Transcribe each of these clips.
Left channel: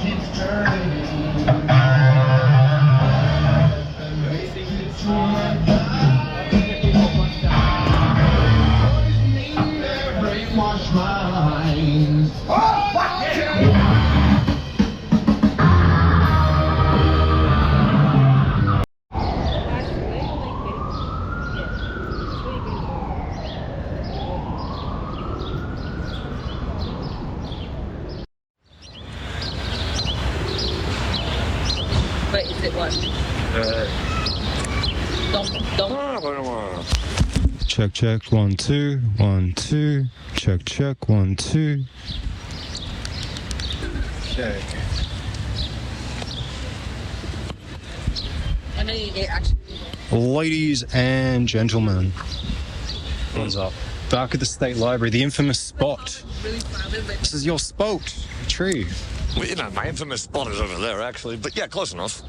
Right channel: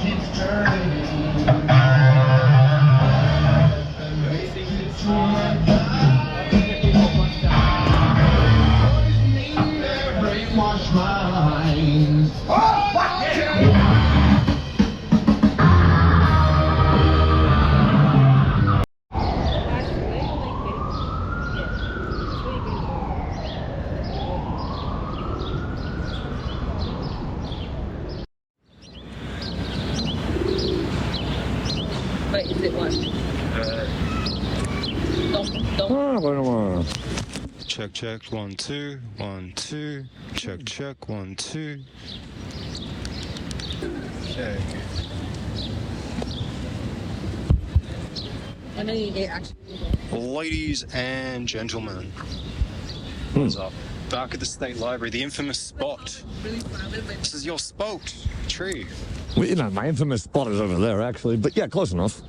keeps turning. Brainwash minds. Oh, fuck yeah! Check, check, 1, 2, 1, 2. Check, check, 1, 2. Okay. I know you get actually. Ladies and gentlemen, what's up? Back at the State Library, the infamous spot. This is your spot tree. Well, you know, my infamous spot is over there, actually. But yeah, close enough.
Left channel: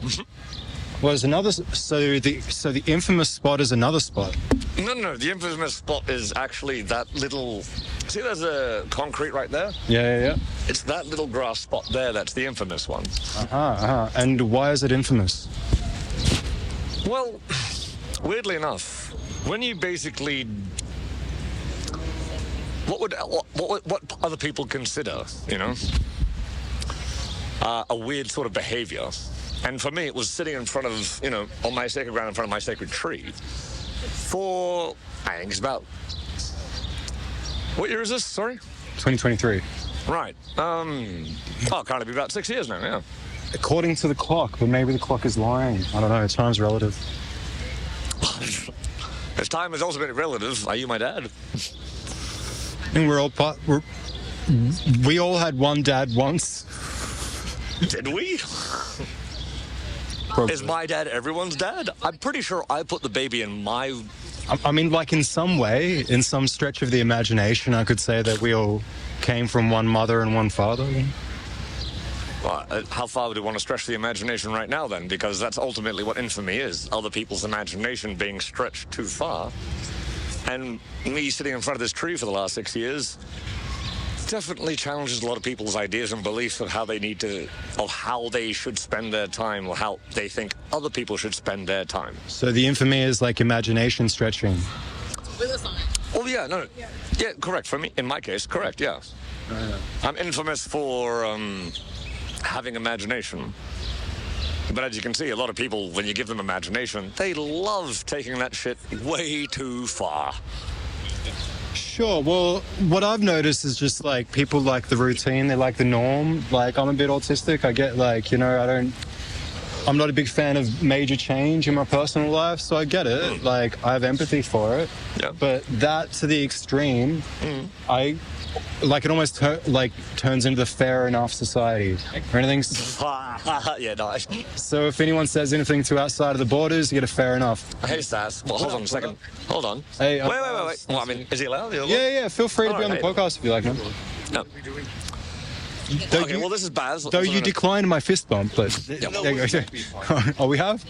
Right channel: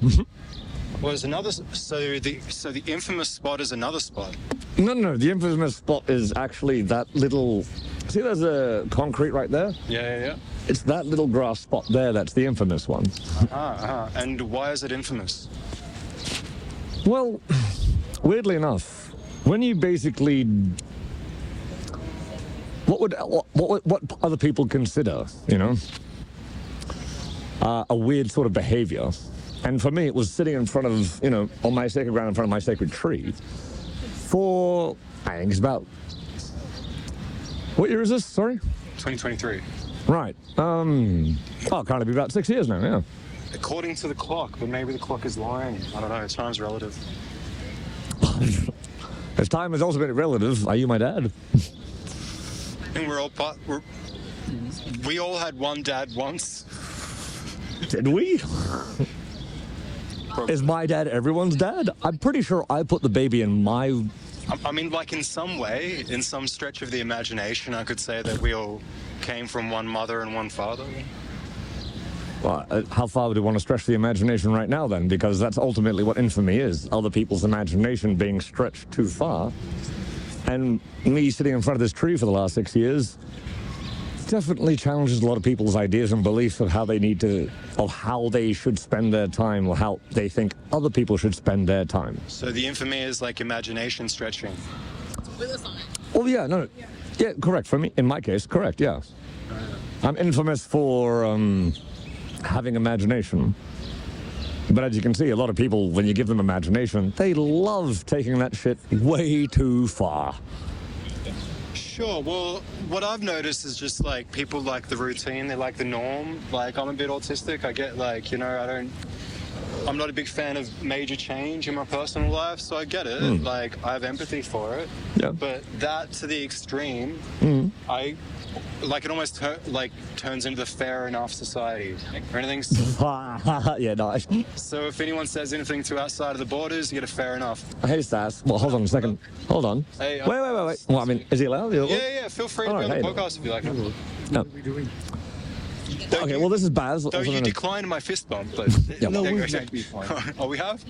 Well, there's another. So the infamous spot is another spot. No. The infamous spot is actually that little. See, there's a concrete right there. Yeah. It's that little grass spot there. That's the infamous one. And why is it infamous? Well, weirdly enough, when you basically, what other people consider, you know, a weird sort of behavior. And for me, it was sitting in front of, you know, on my sacred ground in front of my sacred tree for, I think it's about, what year is this? Sorry? 2023. Right. Can't it be about 6 years now, yeah. According to the clock, but maybe the clock is lying. I don't know, time's relative. As time is also very relative, are you my dad? I think we all had one dad once. Did we? Is my dad everyone's dad? I'm pretty sure I put the baby in my... I mean, like in some way, in some stretch of the imagination, I could say that we all came from one mother and one father. Well, how far would you want to stretch the imagination right now, then? Because that's ultimately what infamy is. Other people's imagination being stretched too far. And me sitting in front of this tree for the last 6 years definitely challenges a lot of people's ideas and beliefs of how they need to, of how they should spend their time, or how they think other people should spend their time. So the infamy is like imagination stretching. Oh, yeah, no. Yeah, correct. For me, in my case, correct, yeah. I'm infamous for having imagination. But as you can see, a lot of people, when you give them imagination, they love taking that shit way too far. Sure, well, what I've noticed is just like people like the routine, they like the norm. Like, I'm a bit autistic, I get like, you know, I'm not a big fan of major change in my personal life, so I get it. Like, I have empathy for it. Yeah. But that to the extreme, it almost turns into the fair enough society. Or anything. Yeah, nice. So if anyone says anything too outside of the borders, you get a fair enough. Hey, Stas. Well, hold on a second. Hold on. Hey, wait. Well, I mean, is he allowed? Yeah. Feel free to be on the podcast if you like. No. What are we doing? Okay, well, this is Baz. So you declined my fist bump, but... Yeah, no, we fine. Oh, we have?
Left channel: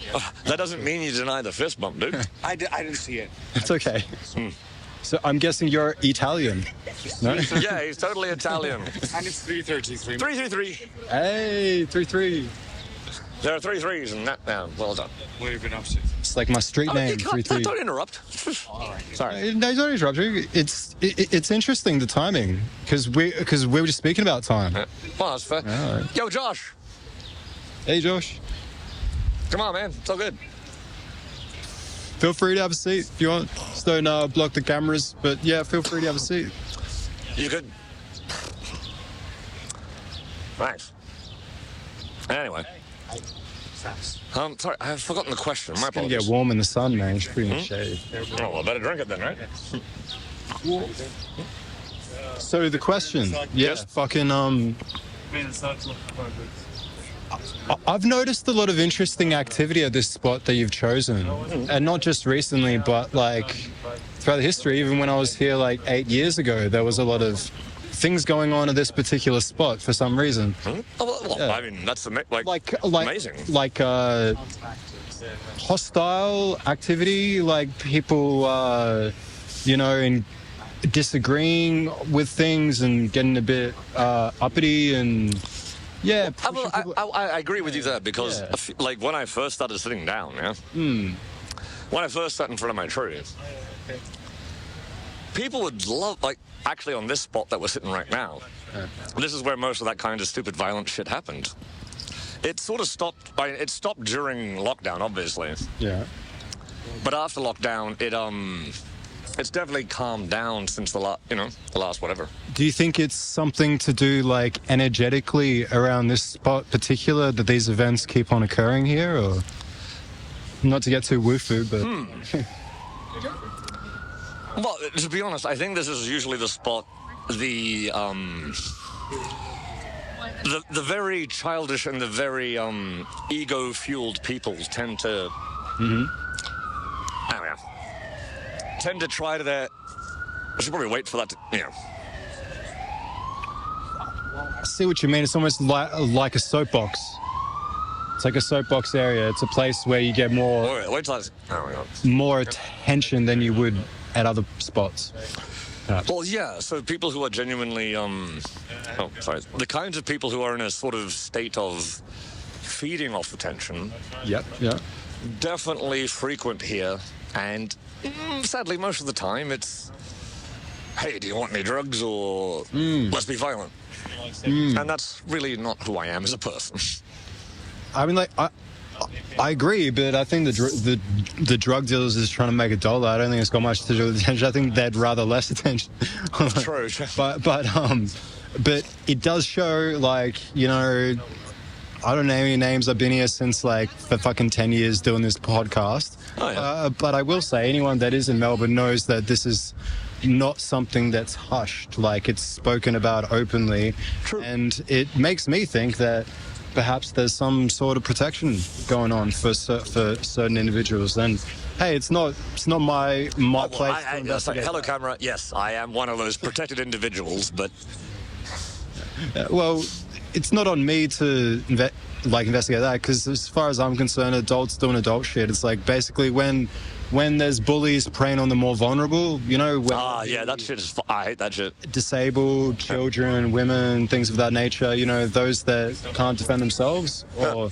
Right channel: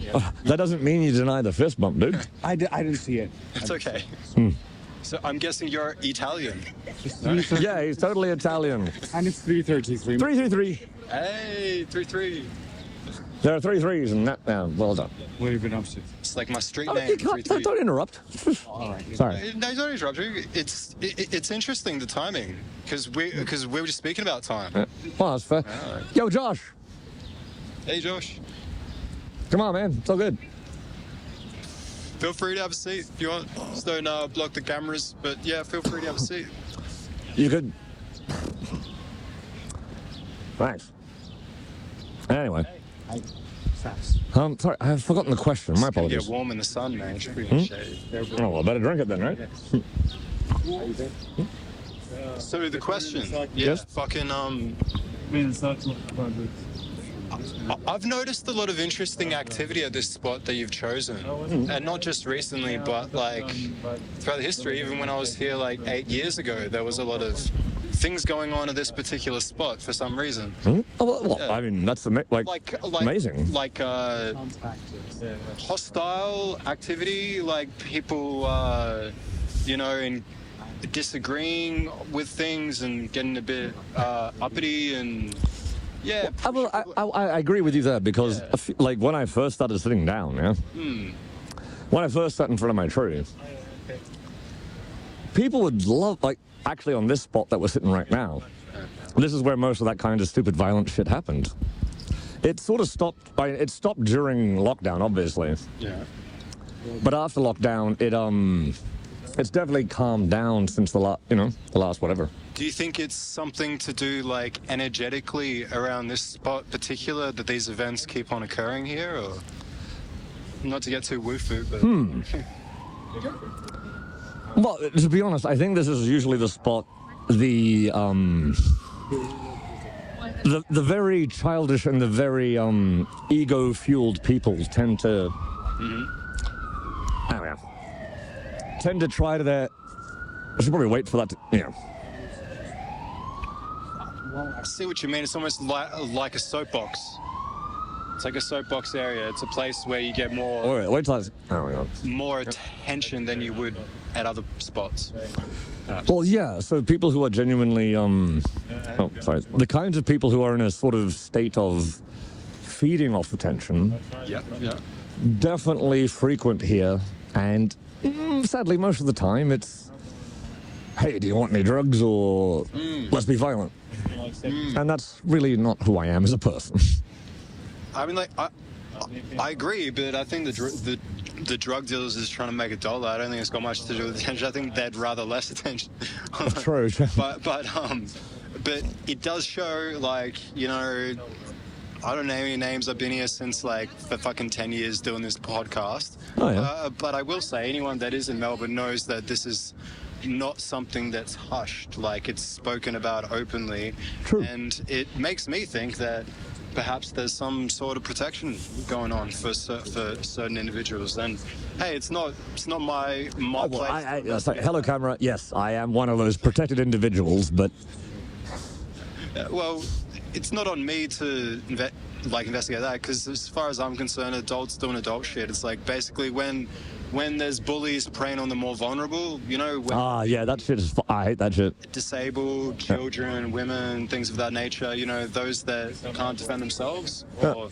That doesn't mean you deny the fist bump, dude. I didn't see it. It's okay. So I'm guessing you're Italian. No? Yeah, he's totally Italian. And it's 333. 333. Hey, 3-3. There are 3 3s in that. Well done. What have you been up to? It's like my street name. You can't, 3-3. don't interrupt. All right. Sorry. No, don't interrupt you. It's interesting, the timing, because we were just speaking about time. Well, that's fair. Right. Yo, Josh. Hey, Josh. Come on, man. It's all good. Feel free to have a seat if you want. Just don't block the cameras, but yeah, feel free to have a seat. You could. Thanks. Anyway. Sorry, I've forgotten the question. My It's gonna apologies. get warm in the sun, man. It's pretty much shady. Oh, well, I better drink it then, right? So the question, Yes? fucking I've noticed a lot of interesting activity at this spot that you've chosen, and not just recently, but like throughout the history. Even when I was here like 8 years ago, there was a lot of things going on at this particular spot for some reason. Oh, well, Yeah. I mean, that's amazing. Like hostile activity, like people, you know, in disagreeing with things and getting a bit uppity and Yeah. I agree with you there because, like, when I first started sitting down, when I first sat in front of my tree, people would love, like, actually on this spot that we're sitting right now, this is where most of that kind of stupid violent shit happened. It sort of stopped, it stopped during lockdown, obviously. Yeah. But after lockdown, it's definitely calmed down since the last whatever. Do you think it's something to do, like, energetically around this spot particular, that these events keep on occurring here, or not to get too woo-foo, but... Well, to be honest, I think this is usually the spot the very childish and the very ego-fueled people tend to... tend to try to their... I should probably wait for that to... I see what you mean. It's almost like a soapbox. It's like a soapbox area. It's a place where you get more... Wait till that's... Oh, my God. More attention than you would at other spots. Well, yeah, so people who are genuinely... The kinds of people who are in a sort of state of feeding off attention... Yeah. Definitely frequent here, and sadly, most of the time, it's, hey, do you want any drugs, or let's be violent? And that's really not who I am as a person. I mean, like, I agree, but I think the drug dealers is trying to make a dollar. I don't think it's got much to do with attention. I think they'd rather less attention. True. But it does show, like, you know, I don't know any names. I've been here since, like, for fucking 10 years doing this podcast. Oh, yeah. But I will say, anyone that is in Melbourne knows that this is not something that's hushed. Like, it's spoken about openly. True. And it makes me think that perhaps there's some sort of protection going on for certain individuals. And hey, it's not my place. Hello, camera. Yes, I am one of those protected individuals, but... Well, it's not on me to investigate that, because as far as I'm concerned, adults doing adult shit. It's like basically when there's bullies preying on the more vulnerable, you know. Yeah, that shit is. I hate that shit. Disabled children, women, things of that nature. You know, those that can't defend themselves. Or,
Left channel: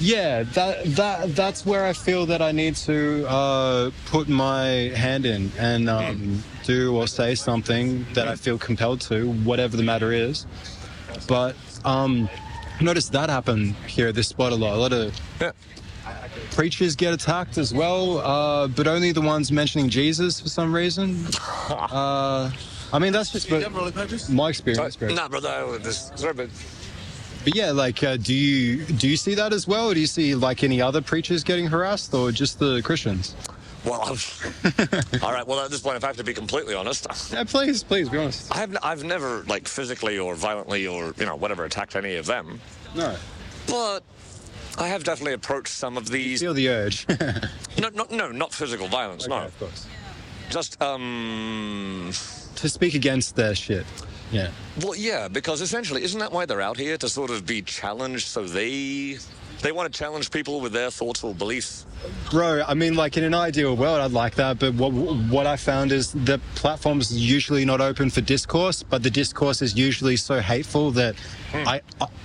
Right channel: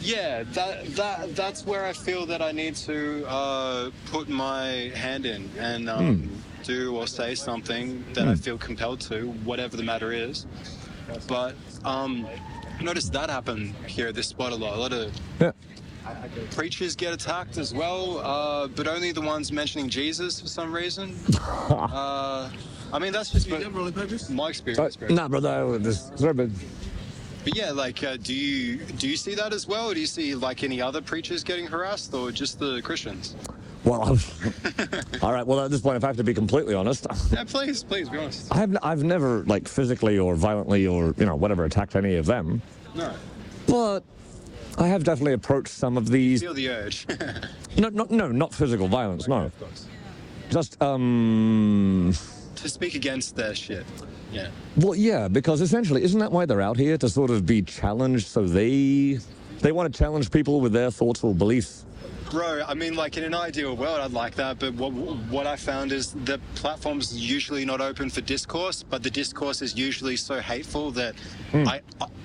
yeah, that's where I feel that I need to put my hand in and do or say something that I feel compelled to, whatever the matter is. But noticed that happen here at this spot a lot. A lot of preachers get attacked as well, but only the ones mentioning Jesus for some reason. I mean, that's just my experience. Nah, brother, sorry, but... But yeah, like, do you see that as well? Or do you see, like, any other preachers getting harassed, or just the Christians? Well, all right. Well, at this point, if I have to be completely honest, yeah, please, be honest. I've never, like, physically or violently or whatever attacked any of them. No. But I have definitely approached some of these. Feel the urge. No, not physical violence. No. Of course. Just to speak against their shit. Yeah. Well, yeah, because essentially, isn't that why they're out here, to sort of be challenged? So they want to challenge people with their thoughts or beliefs. Bro, I mean, like, in an ideal world, I'd like that, but what I found is the platform's usually not open for discourse, but the discourse is usually so hateful that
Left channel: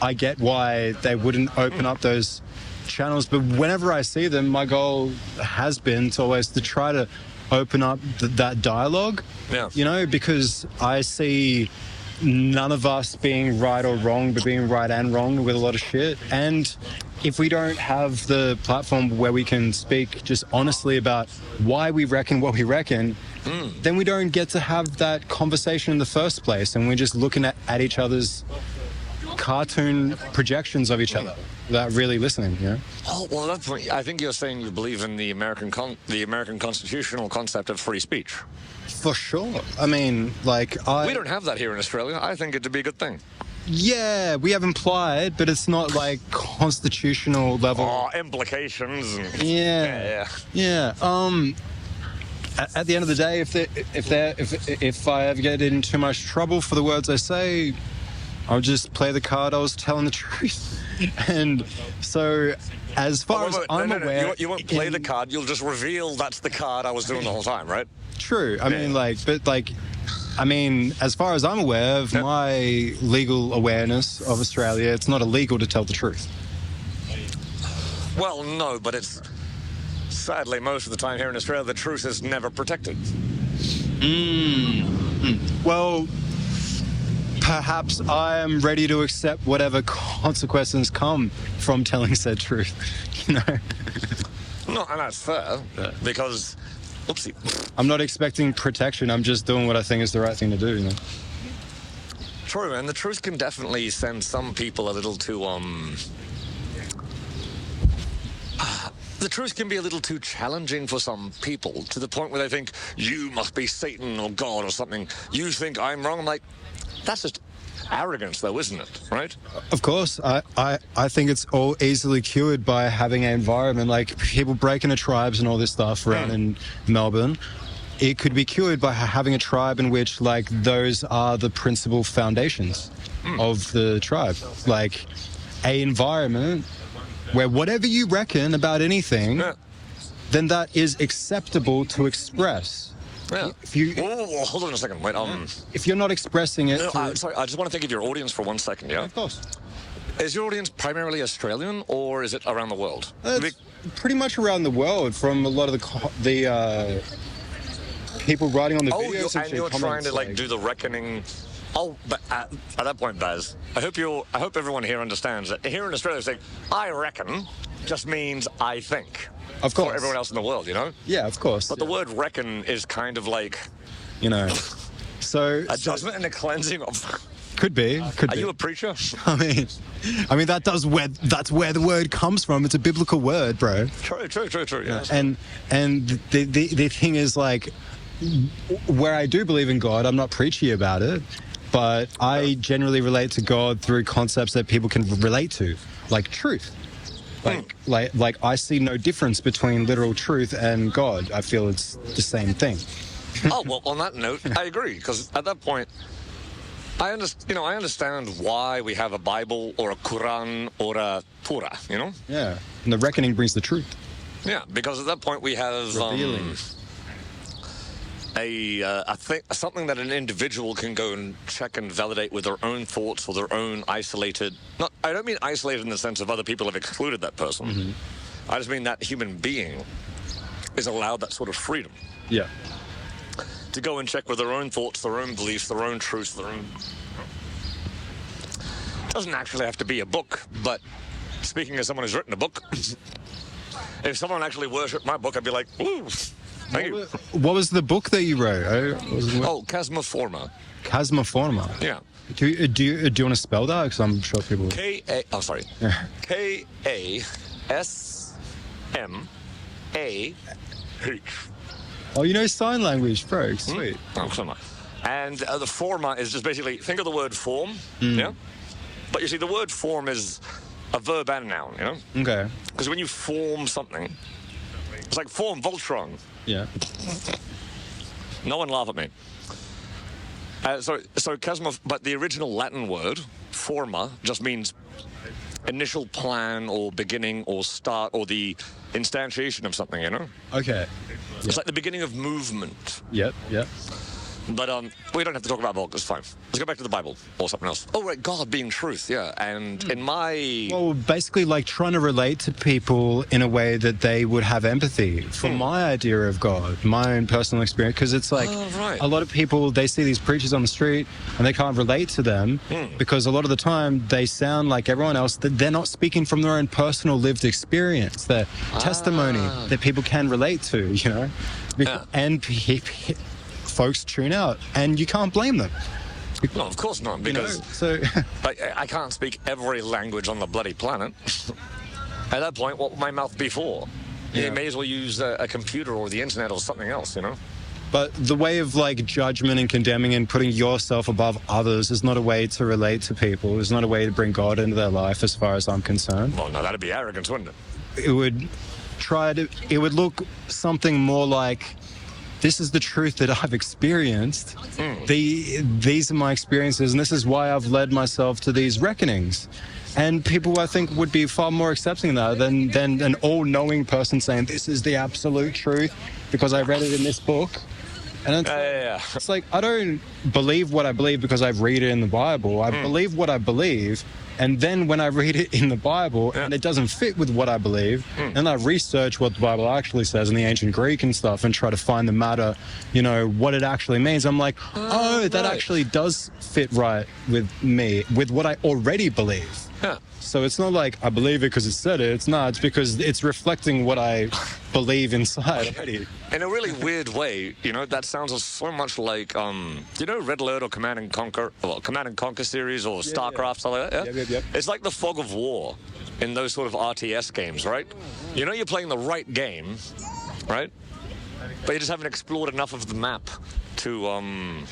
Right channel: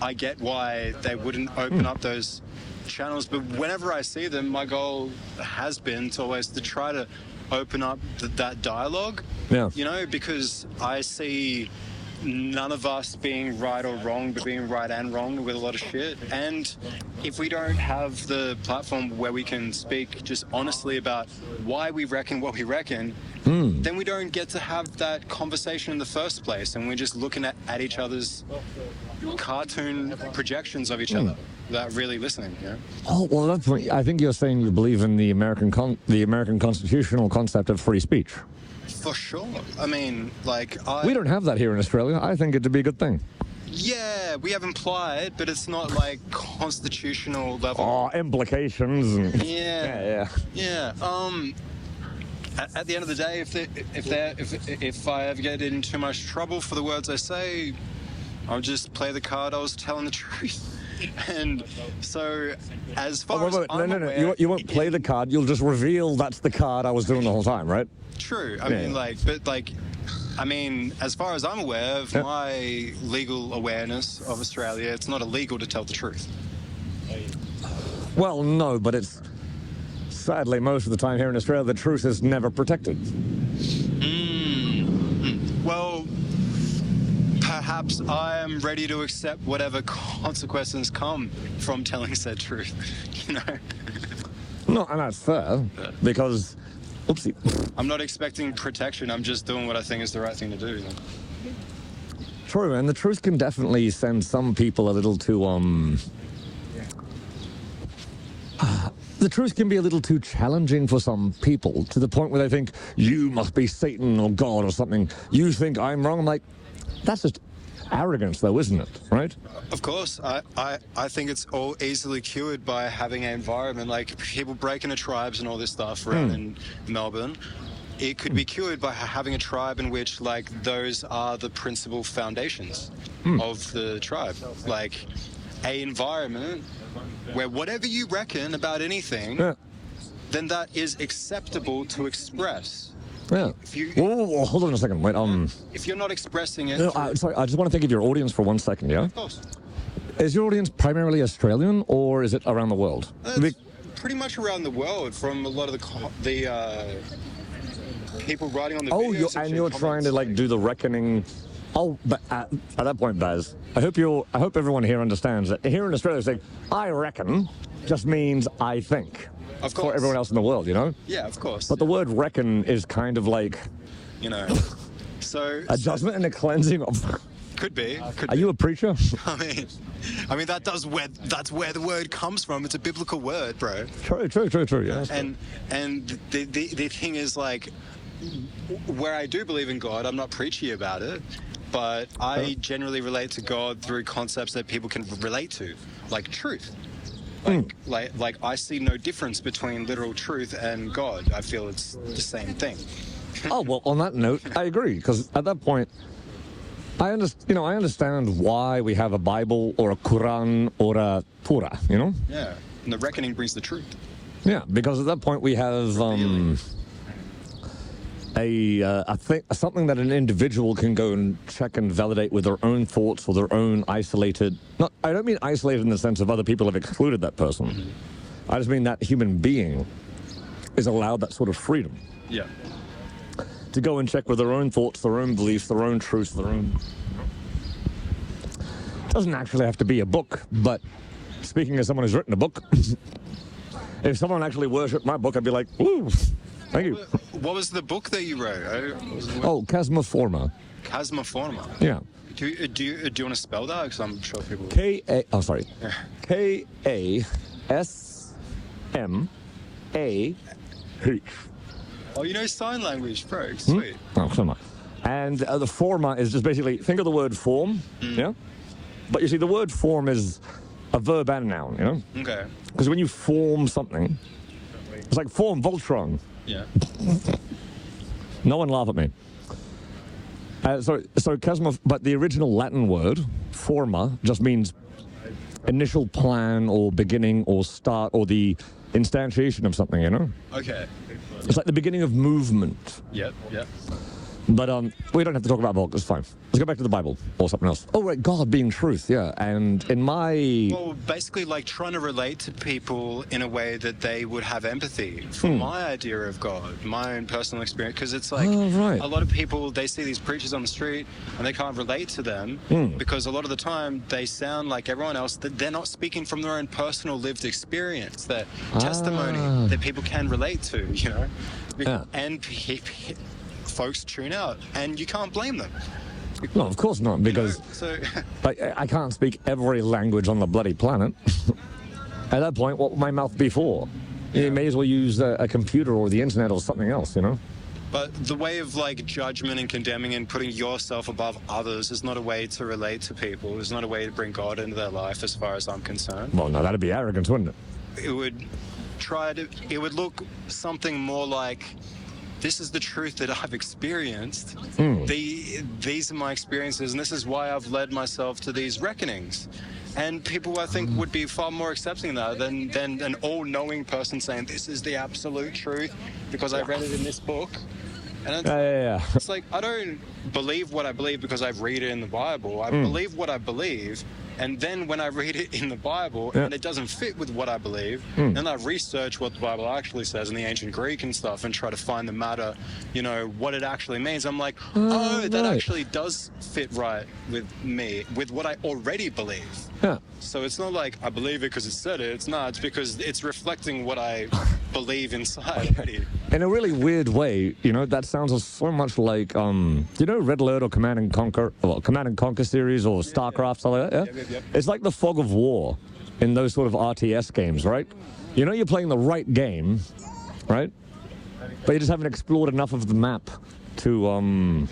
I get why they wouldn't open up those channels. But whenever I see them, my goal has been to always to try to open up that dialogue. Yeah. You know, because I see none of us being right or wrong, but being right and wrong with a lot of shit. And if we don't have the platform where we can speak just honestly about why we reckon what we reckon, then we don't get to have that conversation in the first place. And we're just looking at each other's cartoon projections of each other without really listening, you know? Oh, well, at that point, I think you're saying you believe in the American constitutional concept of free speech. For sure. I mean, like, we don't have that here in Australia. I think it'd be a good thing. Yeah, we have implied, but it's not like constitutional level. Oh, implications. Yeah. At the end of the day, if I ever get in too much trouble for the words I say, I'll just play the card I was telling the truth. And so, as far as I'm aware, you won't play the card. You'll just reveal that's the card I was doing the whole time, right? True. I mean, like, but like, I mean, as far as I'm aware of my legal awareness of Australia, it's not illegal to tell the truth. Well, no, but it's sadly most of the time here in Australia, the truth is never protected. Well, perhaps I am ready to accept whatever consequences come from telling said truth. You know, No, and that's fair because, oopsie. I'm not expecting protection. I'm just doing what I think is the right thing to do. You know? True, and the truth can definitely send some people a little too, the truth can be a little too challenging for some people to the point where they think, you must be Satan or God or something. You think I'm wrong? I'm like, that's just arrogance though, isn't it? Right? Of course, I think it's all easily cured by having an environment like people break into tribes and all this stuff around in Melbourne. It could be cured by having a tribe in which, like, those are the principal foundations of the tribe. Like, a environment where whatever you reckon about anything, then that is acceptable to express. Yeah. If you, Whoa, hold on a second. Wait, if you're not expressing it, sorry, I just want to think of your audience for 1 second, yeah? of course. Is your audience primarily Australian or is it around the world? It's pretty much around the world, from a lot of the people writing on the videos. You're trying to like do the reckoning. Oh, but at that point, Baz, I hope everyone here understands that here in Australia, saying "I reckon" just means "I think." Of course. For everyone else in the world, you know. Yeah, of course. But the word "reckon" is kind of like, you know, so a judgment and a cleansing of. Could be. Are you a preacher? I mean, that's where the word comes from. It's a biblical word, bro. True. Yeah. And the thing is, like, where I do believe in God, I'm not preachy about it, but I generally relate to God through concepts that people can relate to, like truth. Like I see no difference between literal truth and God. I feel it's the same thing. Oh well, on that note, I agree because at that point, I understand why we have a Bible or a Quran or a Torah. You know. Yeah, and the reckoning brings the truth. Yeah, because at that point we have something that an individual can go and check and validate with their own thoughts or their own isolated. I don't mean isolated in the sense of other people have excluded that person. Mm-hmm. I just mean that human being is allowed that sort of freedom. Yeah. To go and check with their own thoughts, their own beliefs, their own truths, their own. Doesn't actually have to be a book, but speaking as someone who's written a book, if someone actually worshipped my book, I'd be like, ooh, thank you. What was the book that you wrote? Oh, Chasmoforma. Chasmoforma. Yeah. Do you want to spell that? Because I'm sure people. Kasmah. Oh, you know sign language, bro. Sweet. Oh, come on. And the forma is just basically, think of the word form, yeah? But you see, the word form is a verb and a noun, you know? Okay. Because when you form something, it's like form Voltron. Yeah. No one laugh at me. So Chasma, but the original Latin word, forma, just means initial plan or beginning or start or the instantiation of something, you know? Okay. It's like the beginning of movement. Yep. But we don't have to talk about book. It's fine. Let's go back to the Bible or something else. Oh, right, God being truth, yeah. And in my... Well, basically, like, trying to relate to people in a way that they would have empathy for my idea of God, my own personal experience. Because it's like, a lot of people, they see these preachers on the street and they can't relate to them because a lot of the time they sound like everyone else. That they're not speaking from their own personal lived experience, their testimony that people can relate to, you know? Yeah. And folks tune out, and you can't blame them. No, of course not, because I can't speak every language on the bloody planet. At that point, what would my mouth be for? You may as well use a computer or the internet or something else, you know? But the way of, like, judgment and condemning and putting yourself above others is not a way to relate to people. It's not a way to bring God into their life, as far as I'm concerned. Well, no, that'd be arrogance, wouldn't it? It would look something more like, this is the truth that I've experienced. These are my experiences, and this is why I've led myself to these reckonings. And people, I think, would be far more accepting of that than an all-knowing person saying, this is the absolute truth because I read it in this book. And it's, Yeah. it's like, I don't believe what I believe because I read it in the Bible. I believe what I believe. And then when I read it in the Bible and it doesn't fit with what I believe, then I research what the Bible actually says in the ancient Greek and stuff and try to find the matter, what it actually means. I'm like, that actually does fit right with me, with what I already believe. Yeah. So it's not like I believe it because it said it. It's not. It's because it's reflecting what I believe inside already. In a really weird way, that sounds so much like, Red Alert or Command and Conquer series or StarCraft, stuff like that, yeah? Yep. It's like the fog of war in those sort of RTS games, right? You're playing the right game, right? But you just haven't explored enough of the map to, and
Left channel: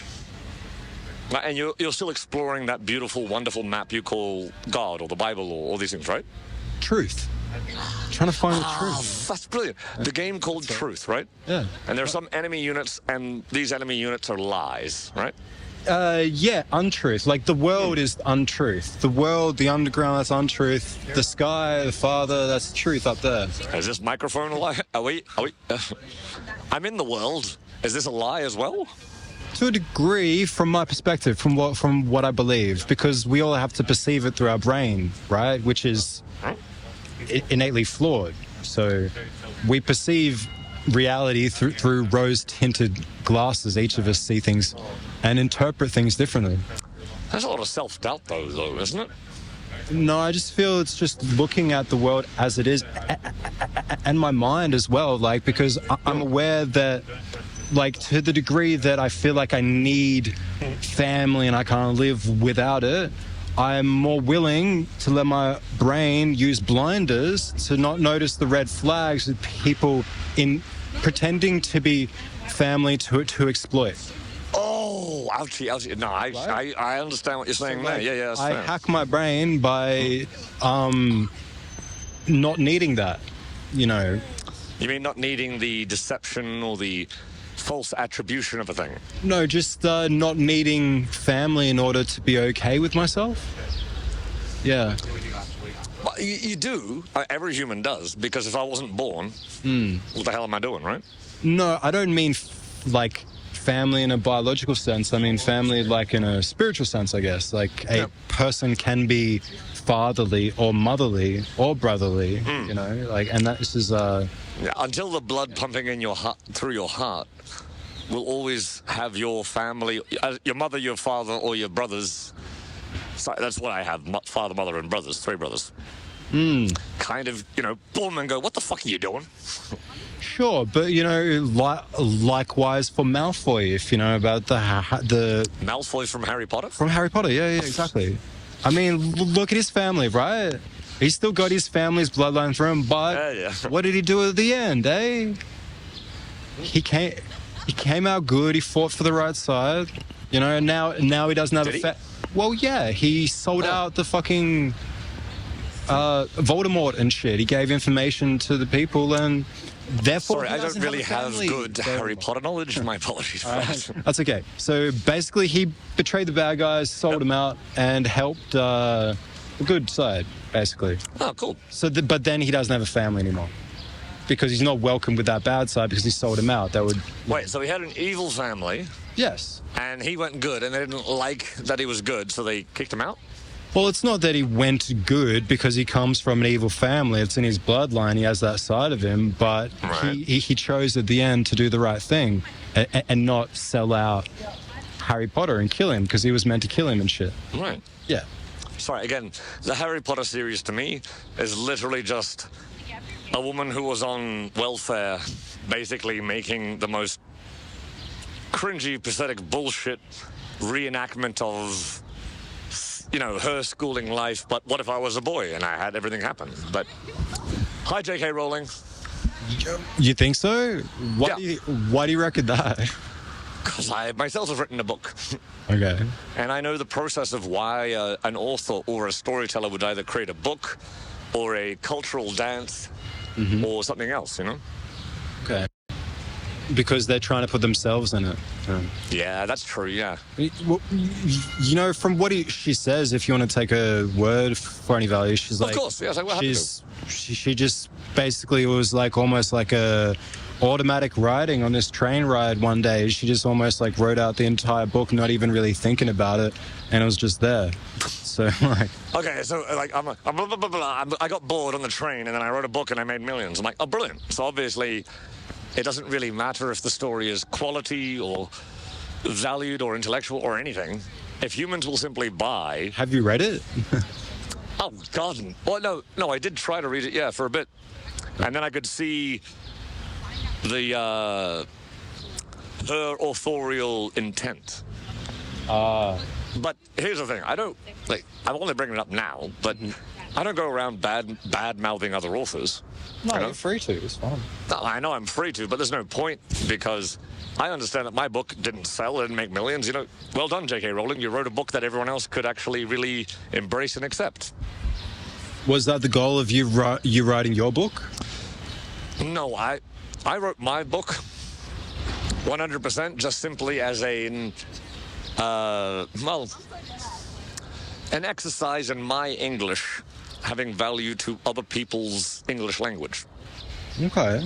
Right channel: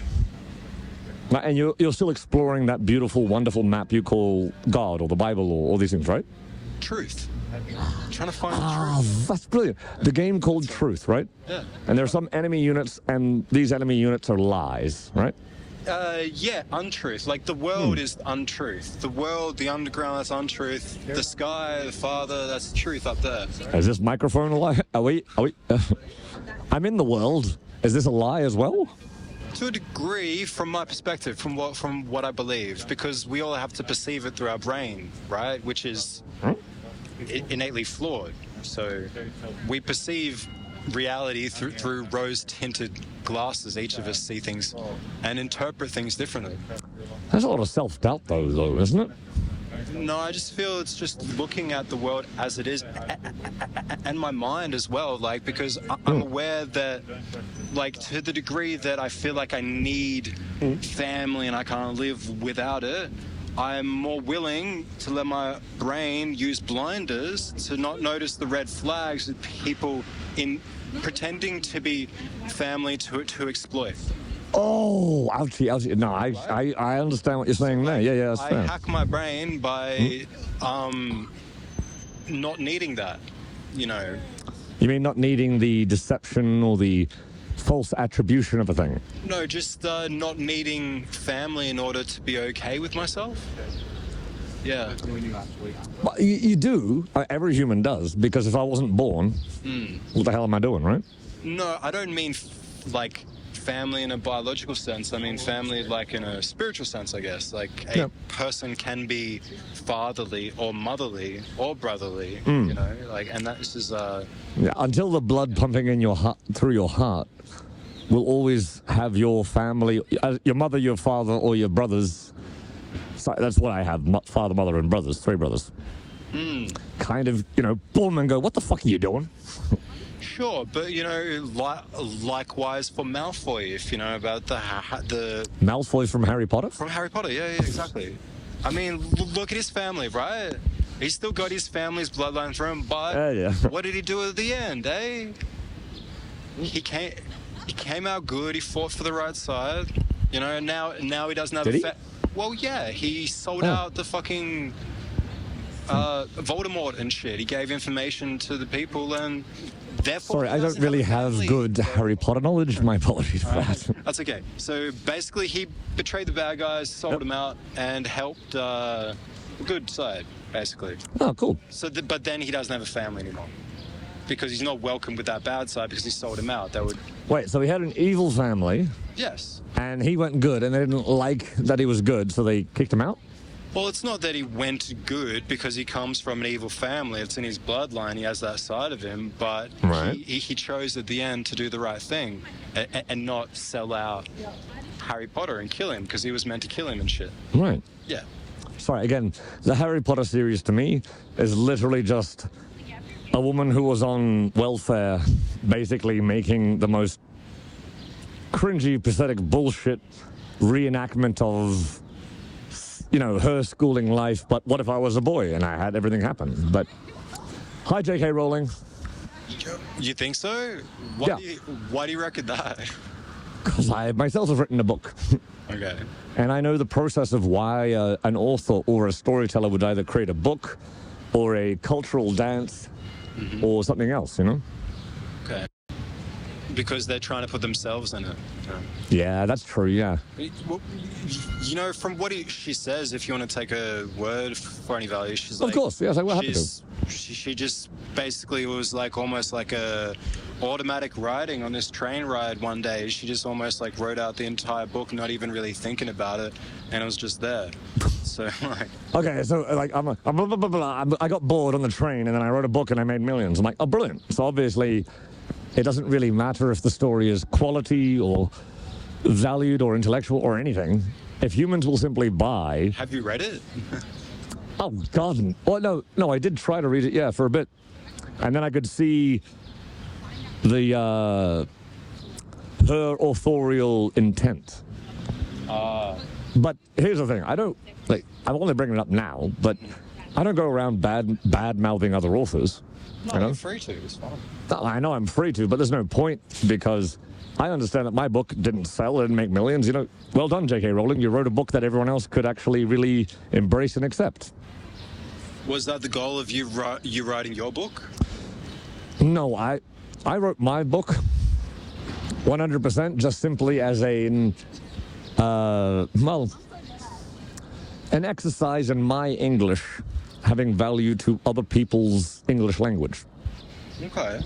you're still exploring that beautiful, wonderful map you call God or the Bible or all these things, right? Truth. Trying to find the truth. That's brilliant. The game called Truth, right? Yeah. And there are some enemy units, and these enemy units are lies, right? Yeah, untruth. Like the world is untruth. The world, the underground, that's untruth. The sky, the Father, that's truth up there. Is this microphone a lie? Are we? I'm in the world. Is this a lie as well? To a degree, from my perspective, from what I believe, because we all have to perceive it through our brain, right? Which is innately flawed. So we perceive reality through rose-tinted glasses. Each of us see things and interpret things differently. There's a lot of self-doubt, though, isn't it? No, I just feel it's just looking at the world as it is, and my mind as well, like, because I'm aware that, like, to the degree that I feel like I need family and I can't live without it, I'm more willing to let my brain use blinders to not notice the red flags with people in pretending to be family to exploit. Oh, ouchie. No, I understand what you're saying there. Yeah, that's fair. I hack my brain by not needing that, You mean not needing the deception or the false attribution of a thing? No, just not needing family in order to be okay with myself. Yeah. But you do. Every human does, because if I wasn't born, what the hell am I doing, right? No, I don't mean like family in a biological sense. I mean family like in a spiritual sense, I guess. Like a person can be fatherly or motherly or brotherly, and that is until the blood pumping in your heart, through your heart, will always have your family, your mother, your father, or your brothers. So that's what I have: father, mother, and brothers. 3 brothers. Kind of, boom, and go, what the fuck are you doing? Sure, but likewise for Malfoy, if you know about the Malfoy from Harry Potter. From Harry Potter, yeah, exactly. I mean, look at his family, right? He's still got his family's bloodline through him, but what did he do at the end, eh? He came out good. He fought for the right side, and now he doesn't have Did he? Well, yeah, he sold out the fucking Voldemort and shit. He gave information to the people and. Therefore, sorry, I don't really have good Harry Potter knowledge. My apologies for that. That's okay. So basically, he betrayed the bad guys, sold them out, and helped the good side, basically. Oh, cool. So, but then he doesn't have a family anymore because he's not welcome with that bad side because he sold him out. That would wait. So he had an evil family. Yes. And he went good, and they didn't like that he was good, so they kicked him out. Well, it's not that he went good because he comes from an evil family. It's in his bloodline. He has that side of him, but he chose at the end to do the right thing and not sell out Harry Potter and kill him because he was meant to kill him and shit. Right. Yeah. Sorry, again, the Harry Potter series to me is literally just a woman who was on welfare basically making the most cringy, pathetic bullshit reenactment of her schooling life, but what if I was a boy and I had everything happen? But hi, J.K. Rowling. You think so? Why do you reckon that? Because I myself have written a book. Okay. And I know the process of why an author or a storyteller would either create a book or a cultural dance or something else, Okay. Because they're trying to put themselves in it. Yeah, that's true, yeah. From what she says, if you want to take her word for any value, she's like... Of course, yes, I will have to. She just basically was like almost like a automatic writing on this train ride one day. She just almost like wrote out the entire book, not even really thinking about it, and it was just there. So like, Okay, so like I'm blah, blah, blah, blah. I got bored on the train, and then I wrote a book and I made millions. I'm like, oh, brilliant. So obviously, it doesn't really matter if the story is quality or valued or intellectual or anything. If humans will simply buy. have you read it? Oh God! Well, no, I did try to read it, yeah, for a bit, and then I could see the her authorial intent. But here's the thing: I don't like. I'm only bringing it up now, but I don't go around bad mouthing other authors. No, You know? I'm free to. It's fine. I know I'm free to, but there's no point because I understand that my book didn't sell, it didn't make millions. You know, well done, J.K. Rowling. You wrote a book that everyone else could actually really embrace and accept. Was that the goal of you writing your book? No, I wrote my book 100% just simply as an exercise in my English having value to other people's English language. Okay.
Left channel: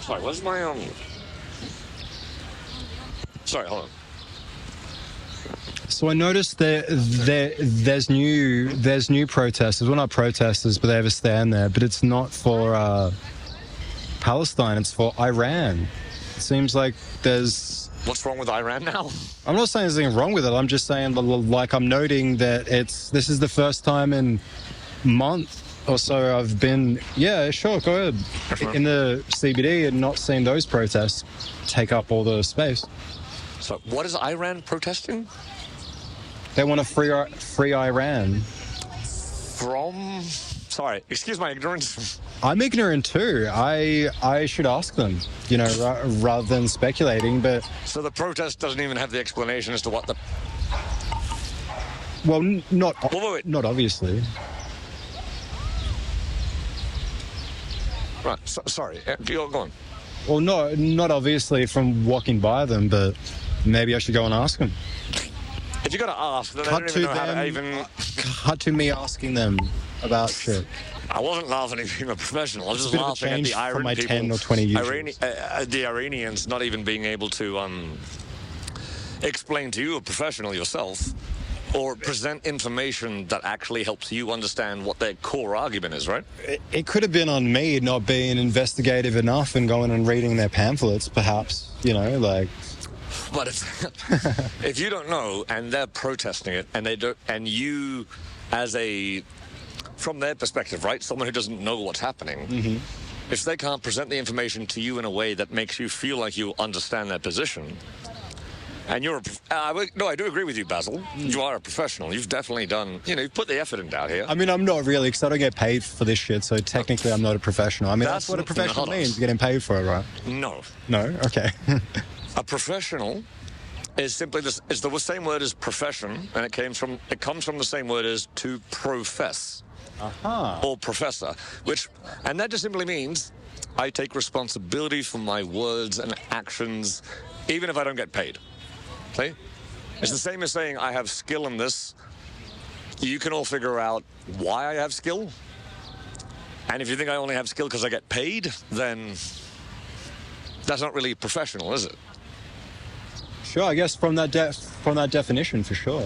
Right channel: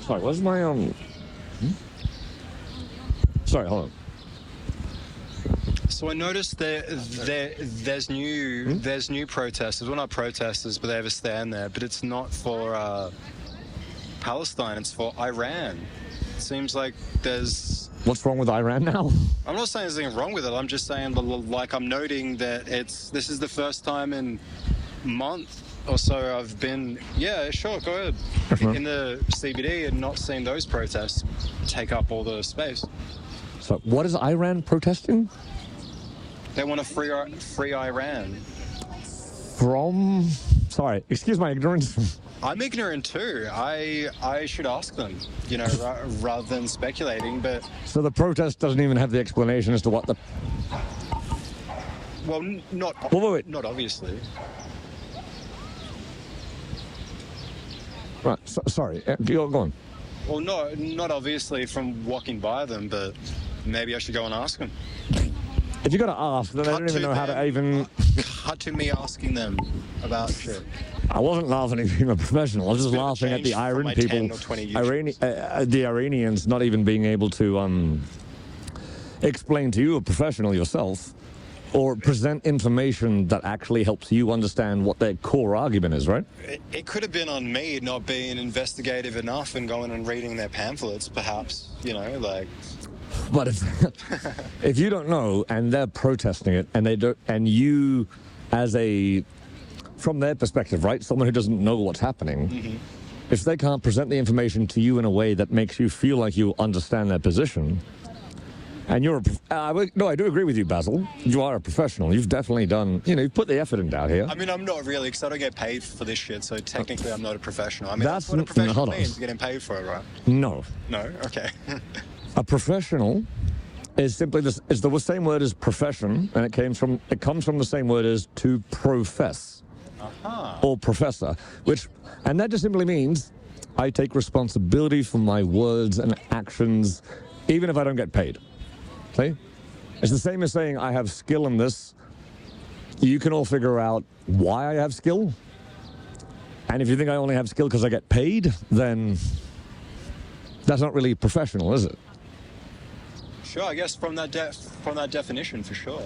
Sorry, where's my Sorry, hold on. So I noticed that there's new protesters. Well, not protesters, but they have a stand there. But it's not for Palestine. It's for Iran. It seems like there's. What's wrong with Iran now? I'm not saying there's anything wrong with it. I'm just saying, like, I'm noting that this is the first time in month or so I've been. Yeah, sure, go ahead. Sure. In the CBD and not seen those protests take up all the space. So, what is Iran protesting? They want to free Iran. From? Sorry, excuse my ignorance. I'm ignorant too. I should ask them, you know, rather than speculating. But So the protest doesn't even have the explanation as to what the. well, not Wait. not obviously. Right. Sorry. Go on. Well, not obviously from walking by them, but maybe I should go and ask them. If you got to ask, then I don't even know how to even. Cut to me asking them about shit. I wasn't laughing at being a professional. I was just Bit of a laughing at change the from Iran my people, 10 or 20 years the Iranians not even being able to explain to you, a professional yourself, or present information that actually helps you understand what their core argument is, right? It could have been on me not being investigative enough and going and reading their pamphlets, perhaps. You know, like. But if you don't know and they're protesting it and they don't, and you, as from their perspective, right, someone who doesn't know what's happening, if they can't present the information to you in a way that makes you feel like you understand their position, and you're, no, I do agree with you, Basil. You are a professional. You've definitely done, you've put the effort in down here. I mean, I'm not really, because I don't get paid for this shit, so technically I'm not a professional. I mean, that's what a professional hold on. means, getting paid for it, right? No. No? Okay. A professional is simply this, is the same word as profession, and it comes from the same word as to profess. Or professor, and that just simply means I take responsibility for my words and actions, even if I don't get paid. See? It's the same as saying I have skill in this. You can all figure out why I have skill. And if you think I only have skill because I get paid, then that's not really professional, is it? Sure, I guess from that definition, for sure.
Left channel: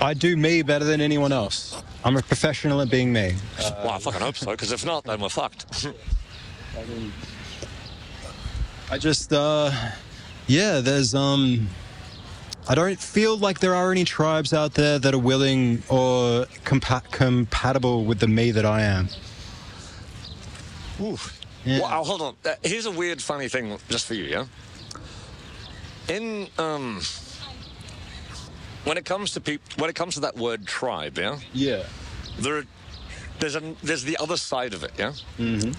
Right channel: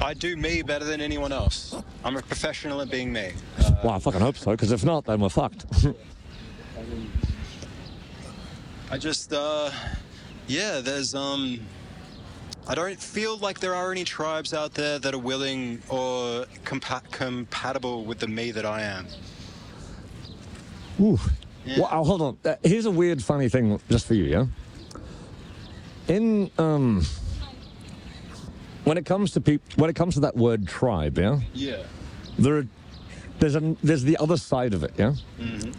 I do me better than anyone else. I'm a professional at being me. Well, I fucking hope so, because if not, then we're fucked. I just, there's, I don't feel like there are any tribes out there that are willing or compatible with the me that I am. Ooh. Yeah. Well, hold on. Here's a weird, funny thing just for you, yeah? When it comes to that word tribe, yeah? Yeah. There's the other side of it, yeah? Mm-hmm.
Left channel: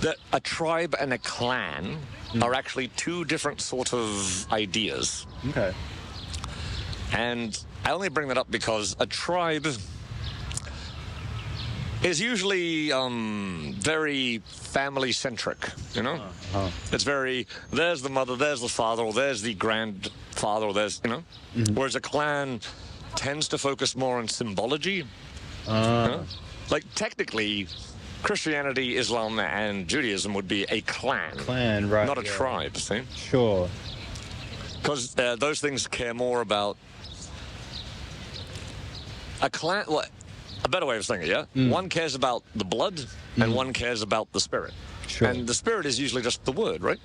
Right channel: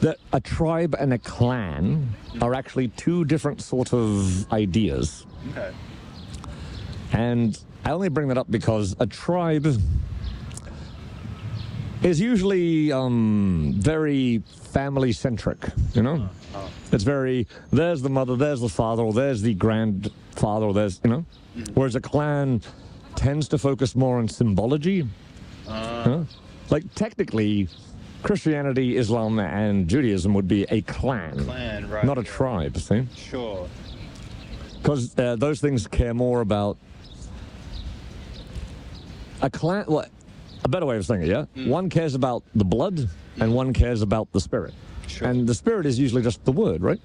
That a tribe and a clan are actually two different sort of ideas. Okay. And I only bring that up because a tribe is usually very family-centric, you know? It's very, there's the mother, there's the father, or there's the grandfather, or there's, you know? Whereas a clan tends to focus more on symbology. Like, technically, Christianity, Islam, and Judaism would be a clan, Right, not a yeah. tribe, see? Sure. Because those things care more about a clan. Well, a better way of saying it, yeah? One cares about the blood, and one cares about the spirit. Sure. And the spirit is usually just the word, right?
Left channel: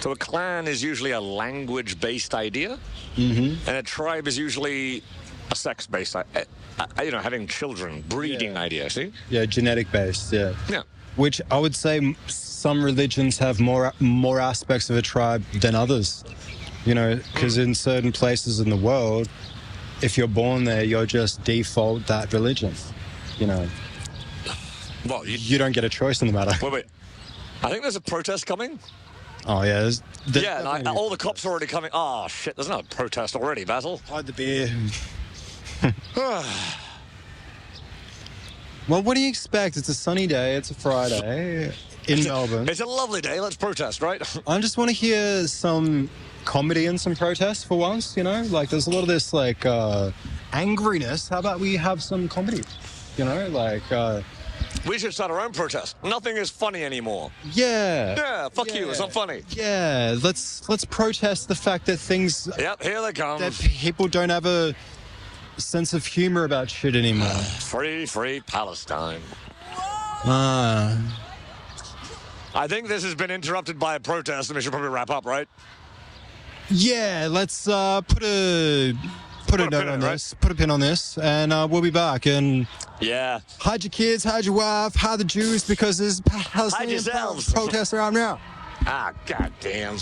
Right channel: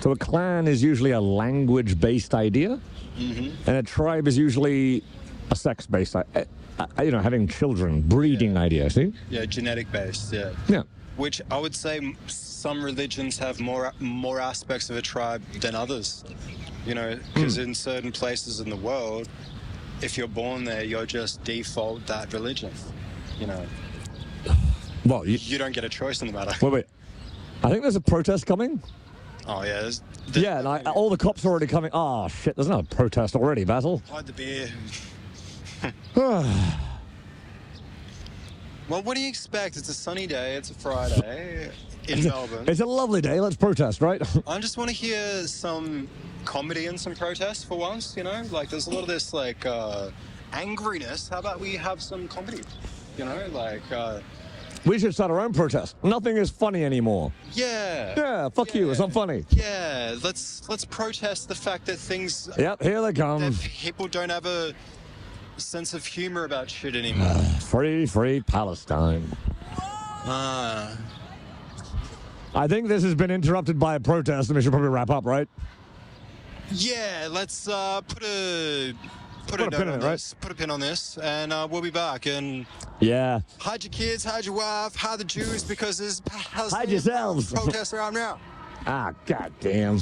So a clan is usually a language-based idea, and a tribe is usually a sex-based, having children, breeding idea, see? Yeah, genetic based, yeah. Yeah. Which I would say some religions have more aspects of a tribe than others. You know, because in certain places in the world, if you're born there, you're just default that religion. You know, Well, you don't get a choice in the matter. wait. I think there's a protest coming. Oh yeah, there's Yeah, and all the cops are already coming. Oh, shit, there's no protest already, Basil. hide the beer. Well, what do you expect? It's a sunny day. It's a Friday in Melbourne. It's a lovely day. Let's protest, right? I just want to hear some comedy and some protests for once. You know, like there's a lot of this like angriness. How about we have some comedy? You know, like We should start our own protest. Nothing is funny anymore. yeah, Yeah, fuck you. It's not funny. yeah. Let's protest the fact that things Yep, here they that come. people don't have a sense of humor about shit anymore. Free Palestine. I think this has been interrupted by a protest, and we should probably wrap up, right? Yeah, let's put a Put a note pin in on it, right? this. Put a pin on this, and we'll be back. And Yeah. hide your kids, hide your wife, hide the Jews because there's Hide yourselves. protests around now. Ah, goddamn.